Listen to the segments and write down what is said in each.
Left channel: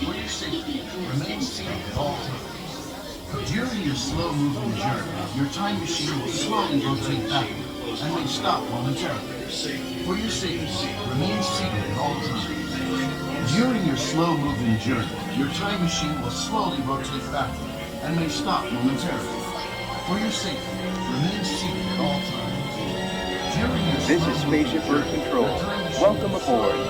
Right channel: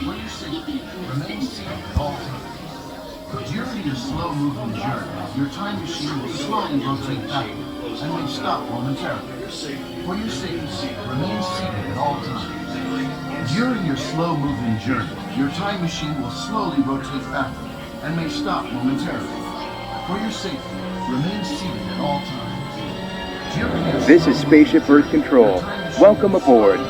For your safety, remain seated at all times. During your slow-moving journey, your time machine will slowly rotate backward and may stop momentarily. For your safety, remain seated at all times. During your slow-moving journey, your time machine will slowly rotate backward and may stop momentarily. For your safety, remain seated at all times. This is Spaceship Earth Control. Welcome aboard.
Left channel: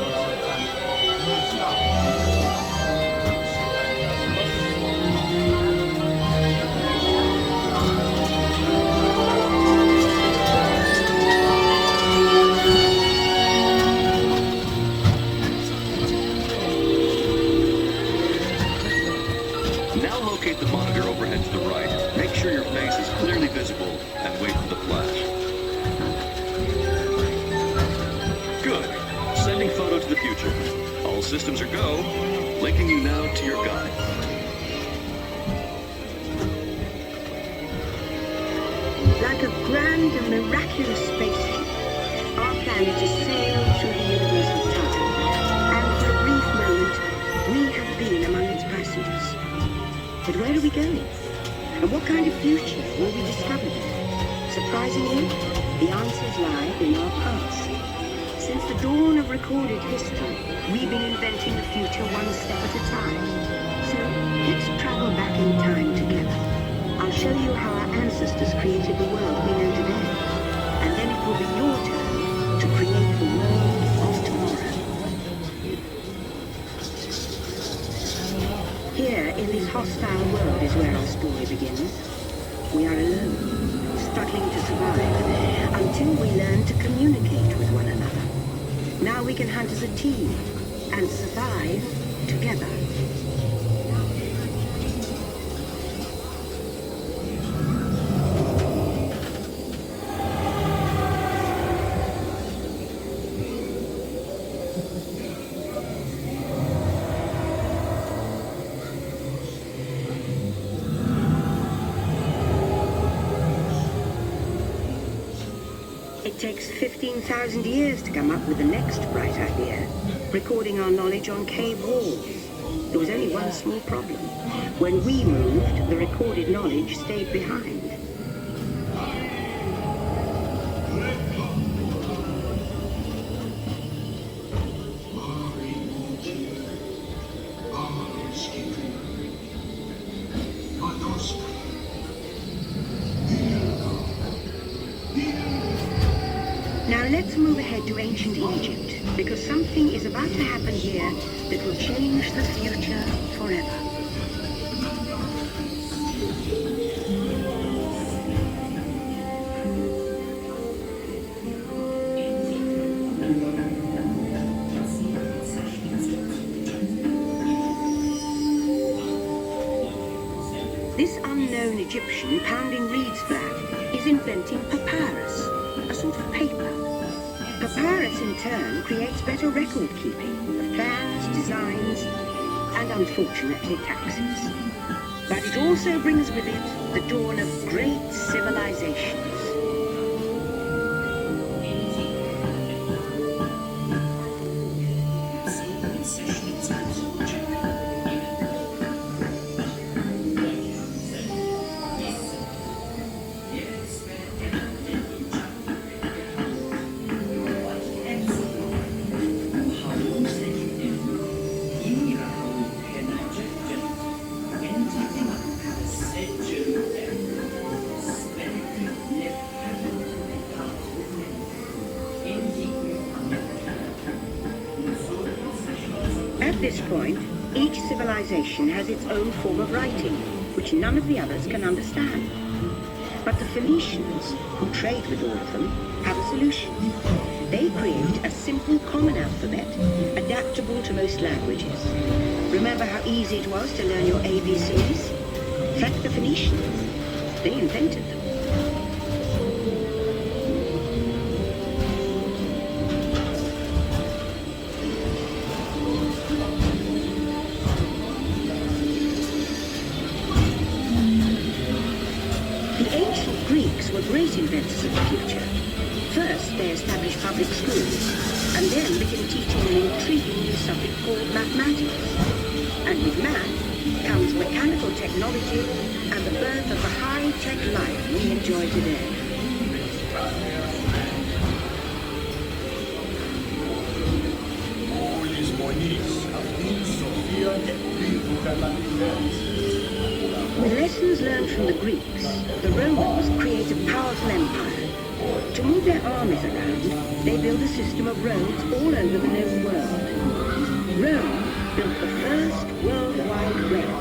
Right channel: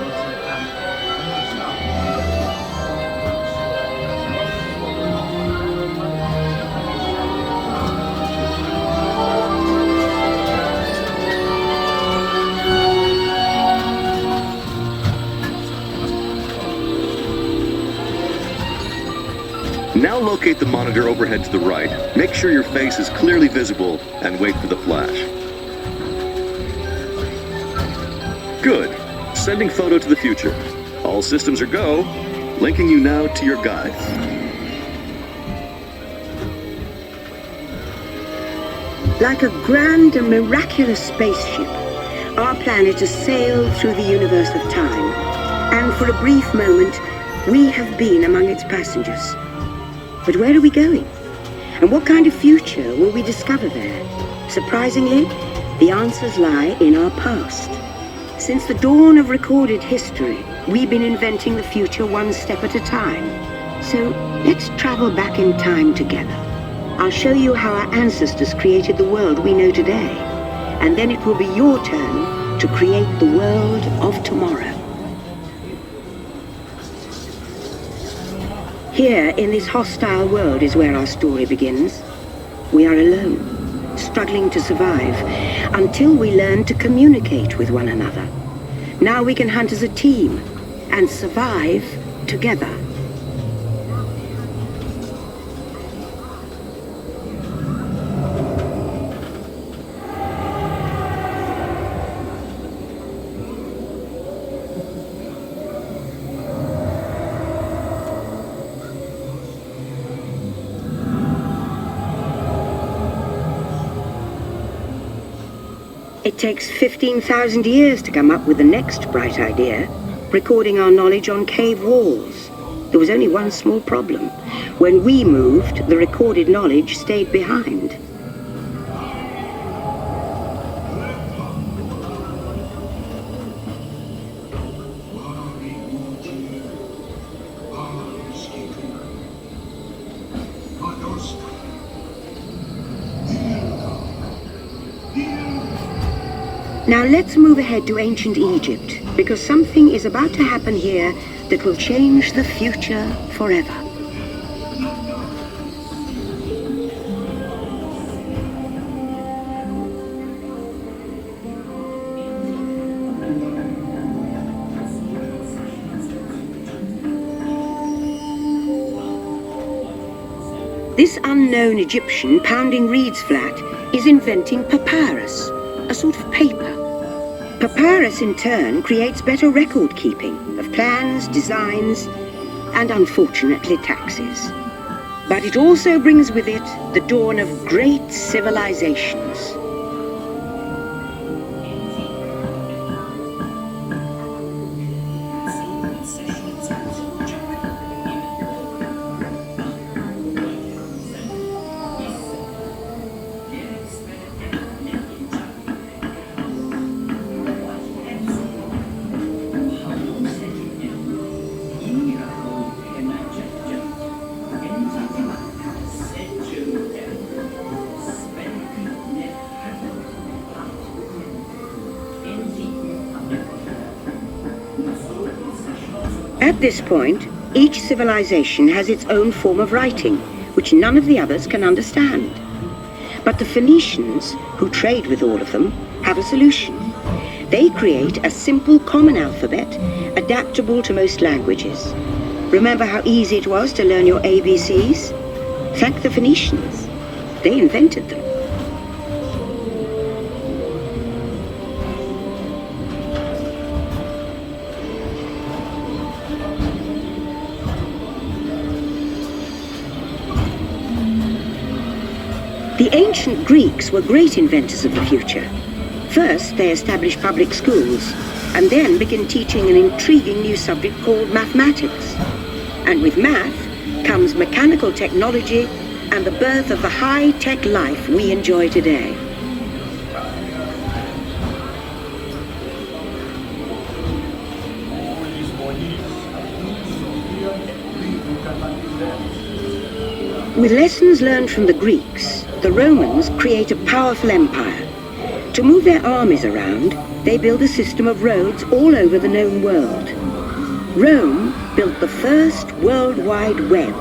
Now locate the monitor overhead to the right. Make sure your face is clearly visible and wait for the flash. Good. Sending photo to the future. All systems are go. Linking you now to your guide. Like a grand and miraculous spaceship, our planet has sailed through the universe of time, and for a brief moment, we have been among its passengers. But where are we going? And what kind of future will we discover there? Surprisingly, the answers lie in our past. Since the dawn of recorded history, we've been inventing the future one step at a time. So let's travel back in time together. I'll show you how our ancestors created the world we know today. And then it will be your turn to create the world of tomorrow. Here, in this hostile world, is where our story begins. We are alone, struggling to survive, until we learn to communicate with one another. Now we can hunt as a team, and survive together. It takes 15,000 years to come up with the next bright idea, recording our knowledge on cave walls. There was only one small problem. When we moved, the recorded knowledge stayed behind. Now let's move ahead to ancient Egypt, because something is about to happen here that will change the future forever. This unknown Egyptian pounding reeds flat is inventing papyrus, a sort of paper. Papyrus, in turn, creates better record keeping of plans, designs, and unfortunately taxes. But it also brings with it the dawn of great civilizations. At this point, each civilization has its own form of writing, which none of the others can understand. But the Phoenicians, who trade with all of them, have a solution. They create a simple common alphabet, adaptable to most languages. Remember how easy it was to learn your ABCs? Thank the Phoenicians. They invented them. The ancient Greeks were great inventors of the future. First, they established public schools, and then began teaching an intriguing new subject called mathematics. And with math comes mechanical technology and the birth of the high-tech life we enjoy today. With lessons learned from the Greeks, the Romans create a powerful empire. To move their armies around, they build a system of roads all over the known world. Rome built the first World Wide Web,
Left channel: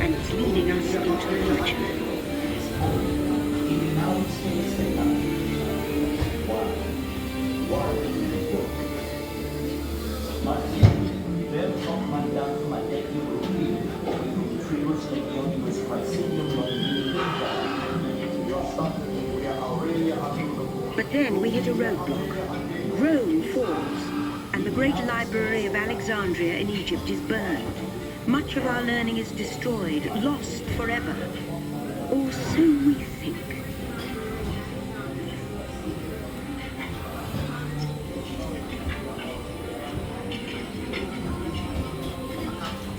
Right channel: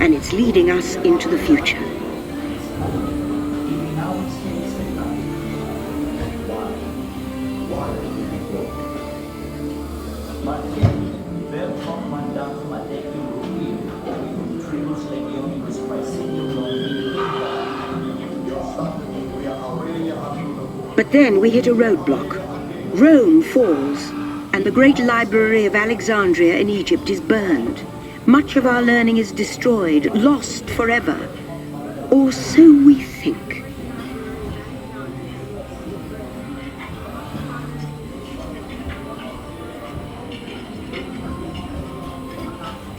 and it's leading us into the future. But then we hit a roadblock. Rome falls, and the great library of Alexandria in Egypt is burned. Much of our learning is destroyed, lost forever. Or so we think.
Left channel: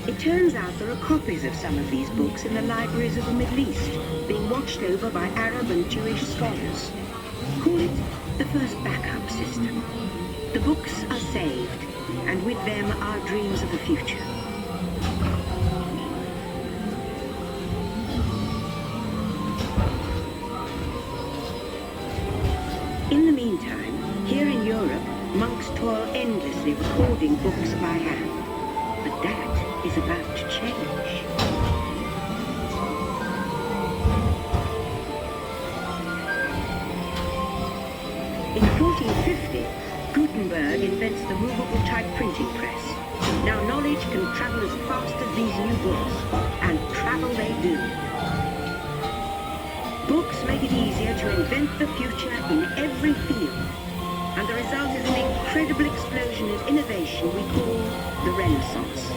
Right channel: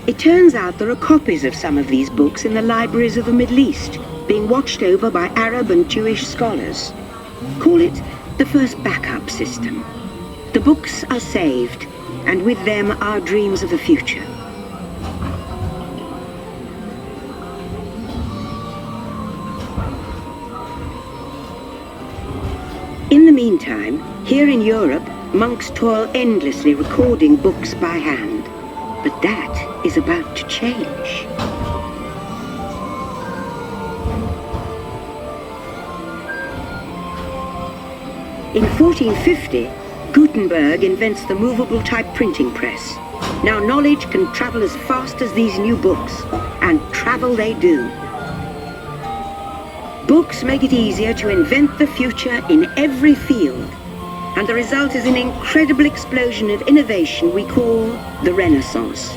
It turns out there are copies of some of these books in the libraries of the Middle East, being watched over by Arab and Jewish scholars. Call it the first backup system. The books are saved, and with them our dreams of the future. In the meantime, here in Europe, monks toil endlessly recording books by hand. But that is about to change. In 1450, Gutenberg invents the movable type printing press. Now knowledge can travel as fast as these new books, and travel they do. Books make it easier to invent the future in every field, and the result is an incredible explosion of innovation we call the Renaissance.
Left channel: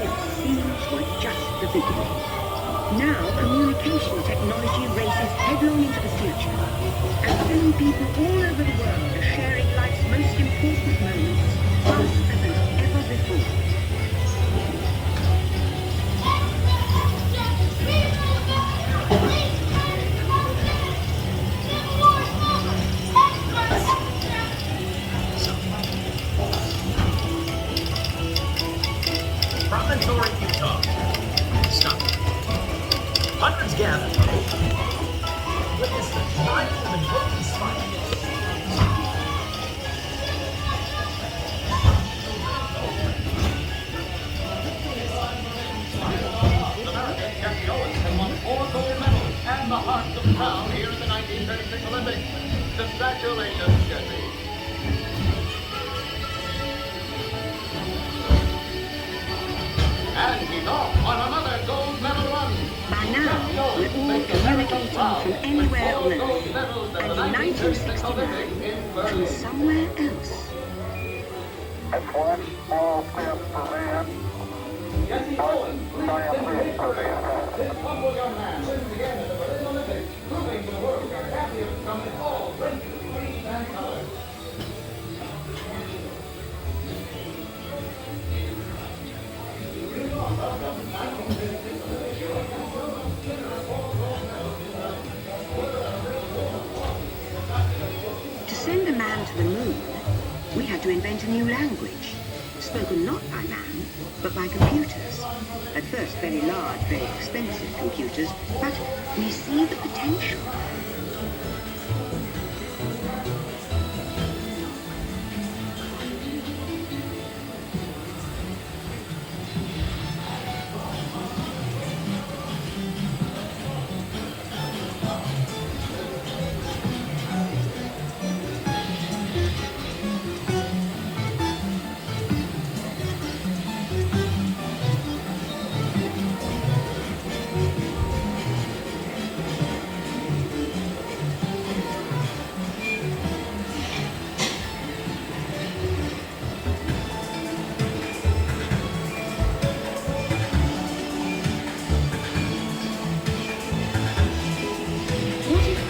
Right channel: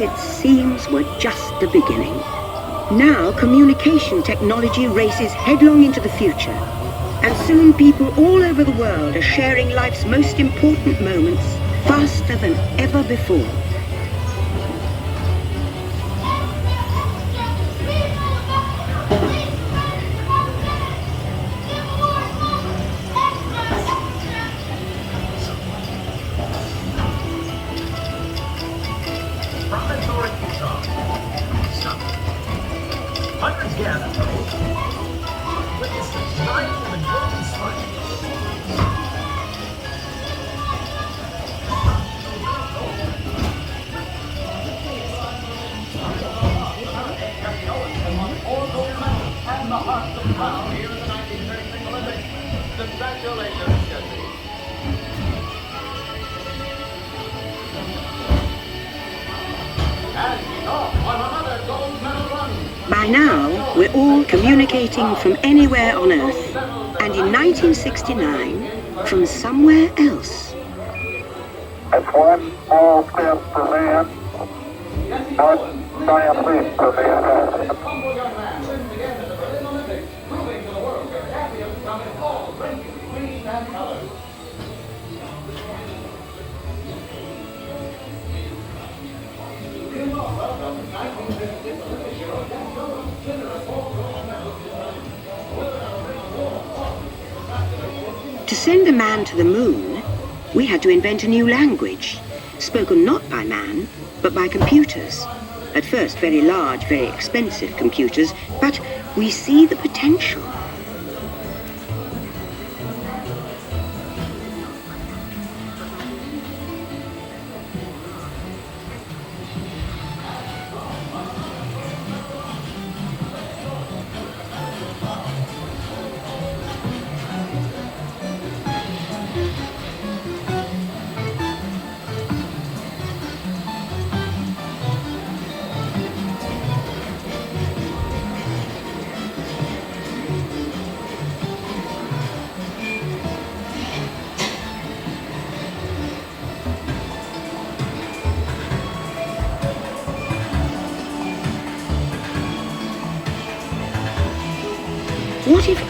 It seems were just the beginning. Now communication technology races headlong into the future, and soon people all over the world are sharing life's most important moments faster than ever before. By now, we're all communicating from anywhere on Earth, and in 1969, from somewhere else. That's one small step for man, one giant leap for mankind. To send a man to the moon, we had to invent a new language, spoken not by man, but by computers. At first, very large, very expensive computers, but we see the potential.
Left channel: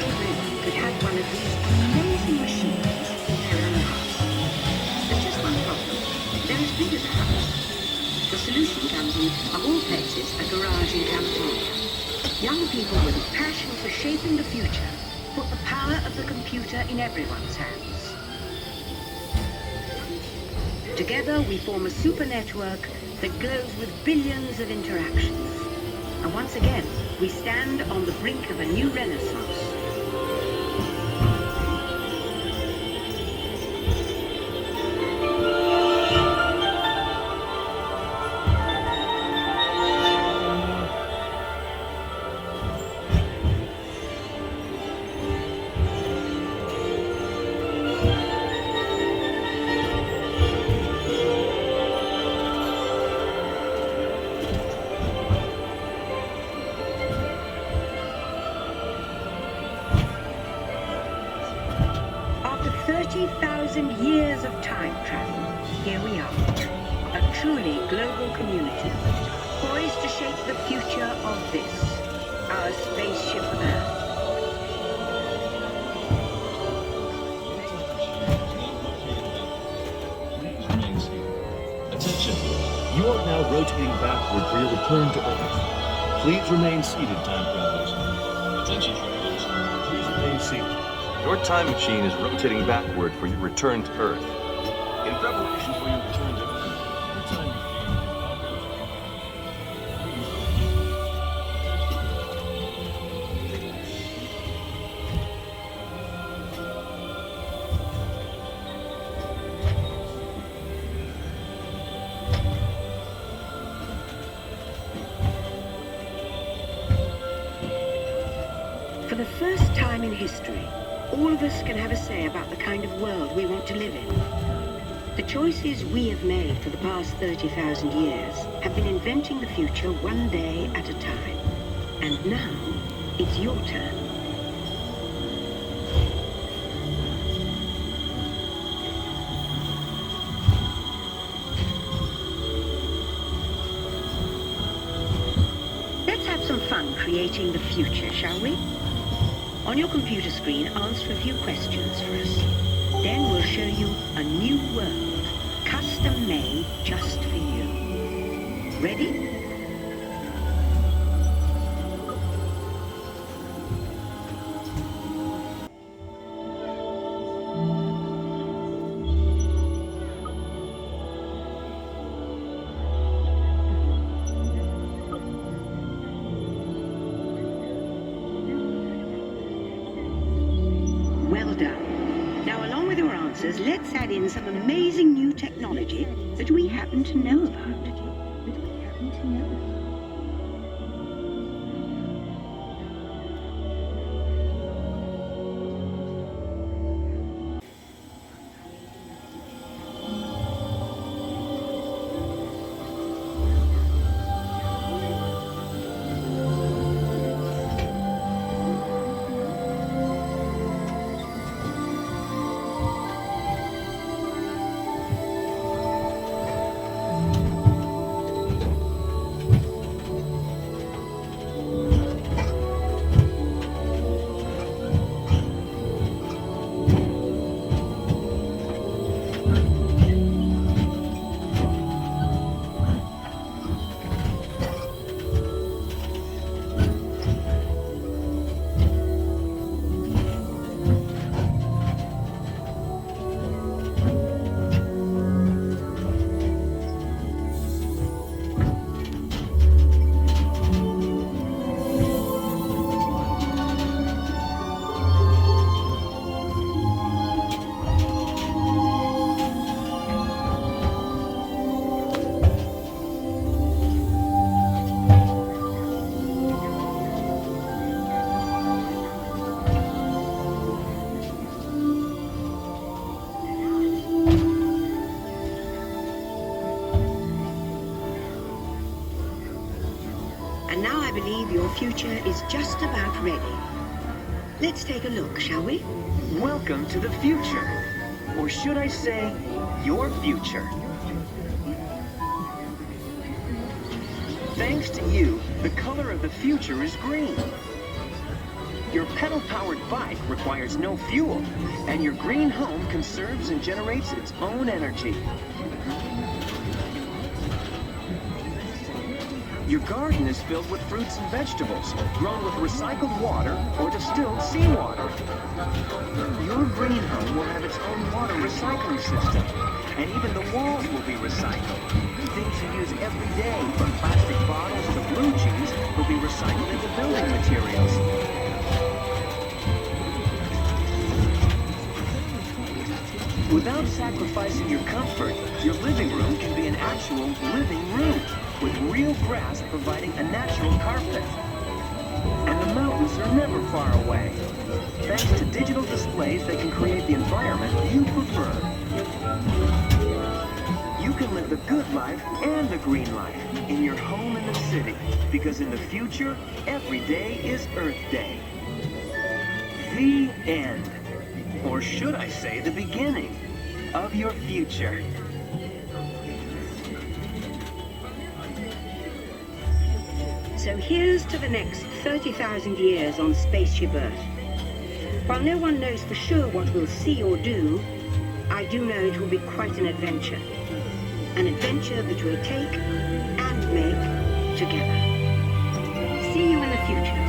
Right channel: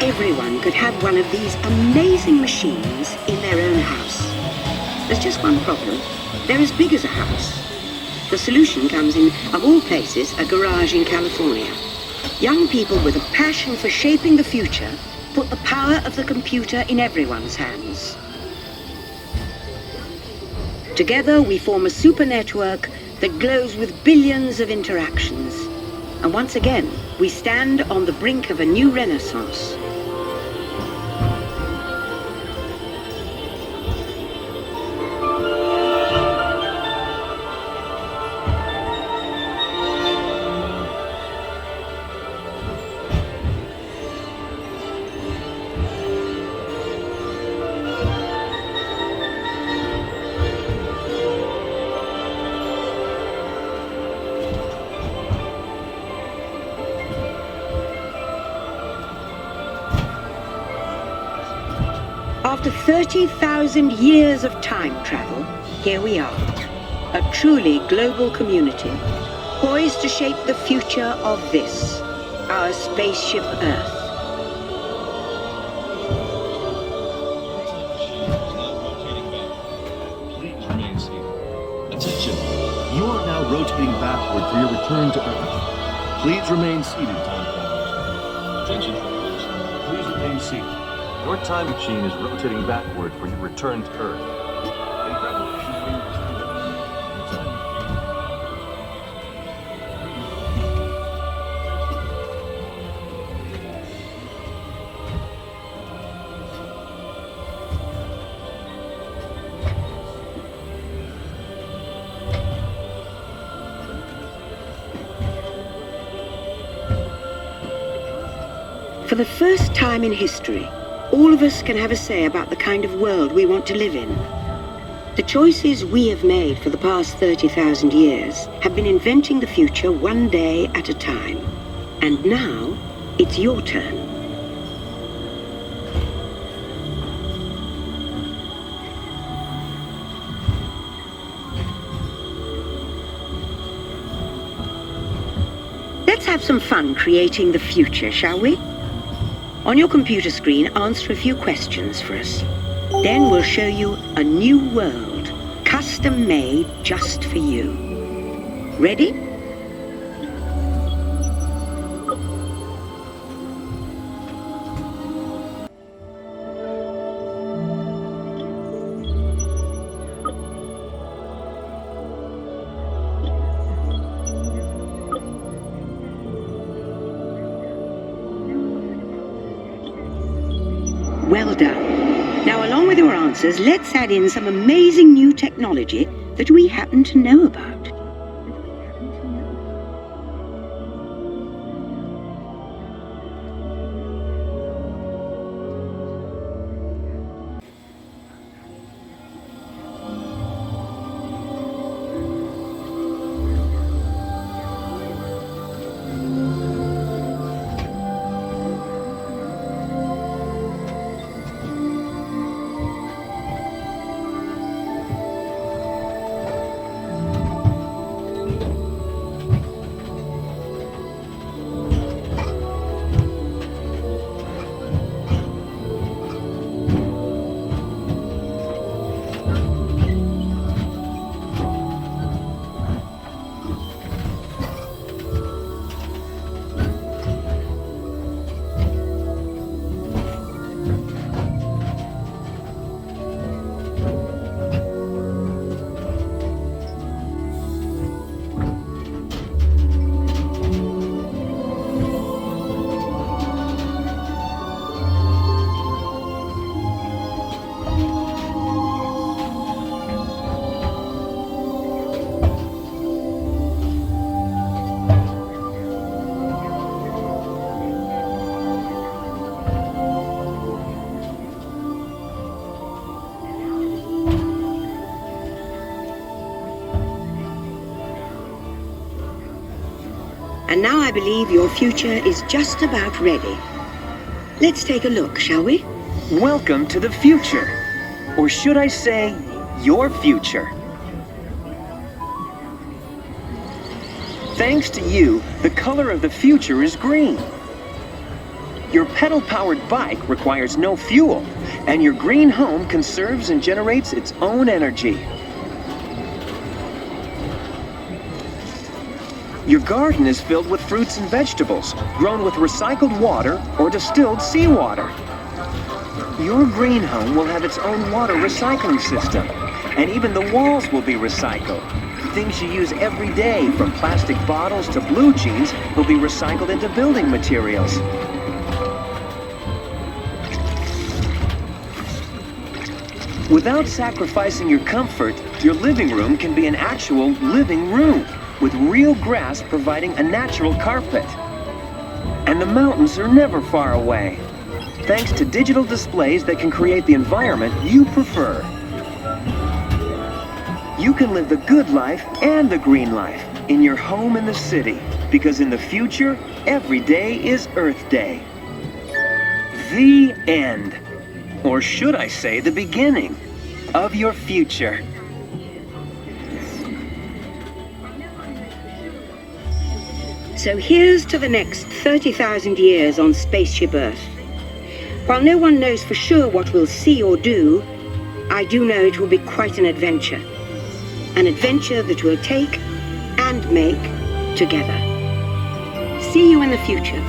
everyone could have one of these amazing machines in their own house. There's just one problem. They're as big as a house. The solution comes in, of all places, a garage in California. Young people with a passion for shaping the future put the power of the computer in everyone's hands. Together, we form a super network that glows with billions of interactions. And once again, we stand on the brink of a new renaissance. After 30,000 years of time travel, here we are, a truly global community, poised to shape the future of this, our spaceship Earth. Please remain seated. Attention, you are now rotating backward for your return to Earth. Please remain seated, time travelers. Attention travelers, please remain seated. Your time machine is rotating backward for your return to Earth. In preparation for your return to Earth, your time For the first time in history, all of us can have a say about the kind of world we want to live in. The choices we have made for the past 30,000 years have been inventing the future one day at a time. And now, it's your turn. Let's have some fun creating the future, shall we? On your computer screen, answer a few questions for us. Then we'll show you a new world, custom-made just for you. Ready? Well done. Now, along with your answers, let's add in some amazing new technology that we happen to know about. And now I believe your future is just about ready. Let's take a look, shall we? Welcome to the future. Or should I say, your future. Thanks to you, the color of the future is green. Your pedal-powered bike requires no fuel, and your green home conserves and generates its own energy. Your garden is filled with fruits and vegetables, grown with recycled water or distilled seawater. Your green home will have its own water recycling system, and even the walls will be recycled. Things you use every day, from plastic bottles to blue jeans, will be recycled into building materials. Without sacrificing your comfort, your living room can be an actual living room, with real grass providing a natural carpet. And the mountains are never far away, thanks to digital displays that can create the environment you prefer. You can live the good life and the green life in your home in the city, because in the future, every day is Earth Day. The end. Or should I say the beginning of your future. So here's to the next 30,000 years on Spaceship Earth. While no one knows for sure what we'll see or do, I do know it will be quite an adventure. An adventure that we'll take and make together. See you in the future.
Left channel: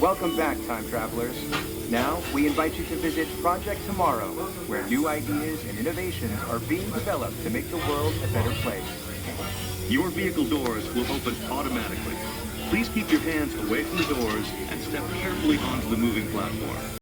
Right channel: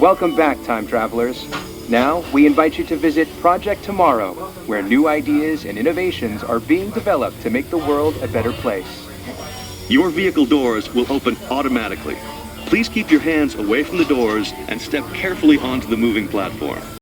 Welcome back, time travelers. Now, we invite you to visit Project Tomorrow, where new ideas and innovations are being developed to make the world a better place. Your vehicle doors will open automatically. Please keep your hands away from the doors and step carefully onto the moving platform.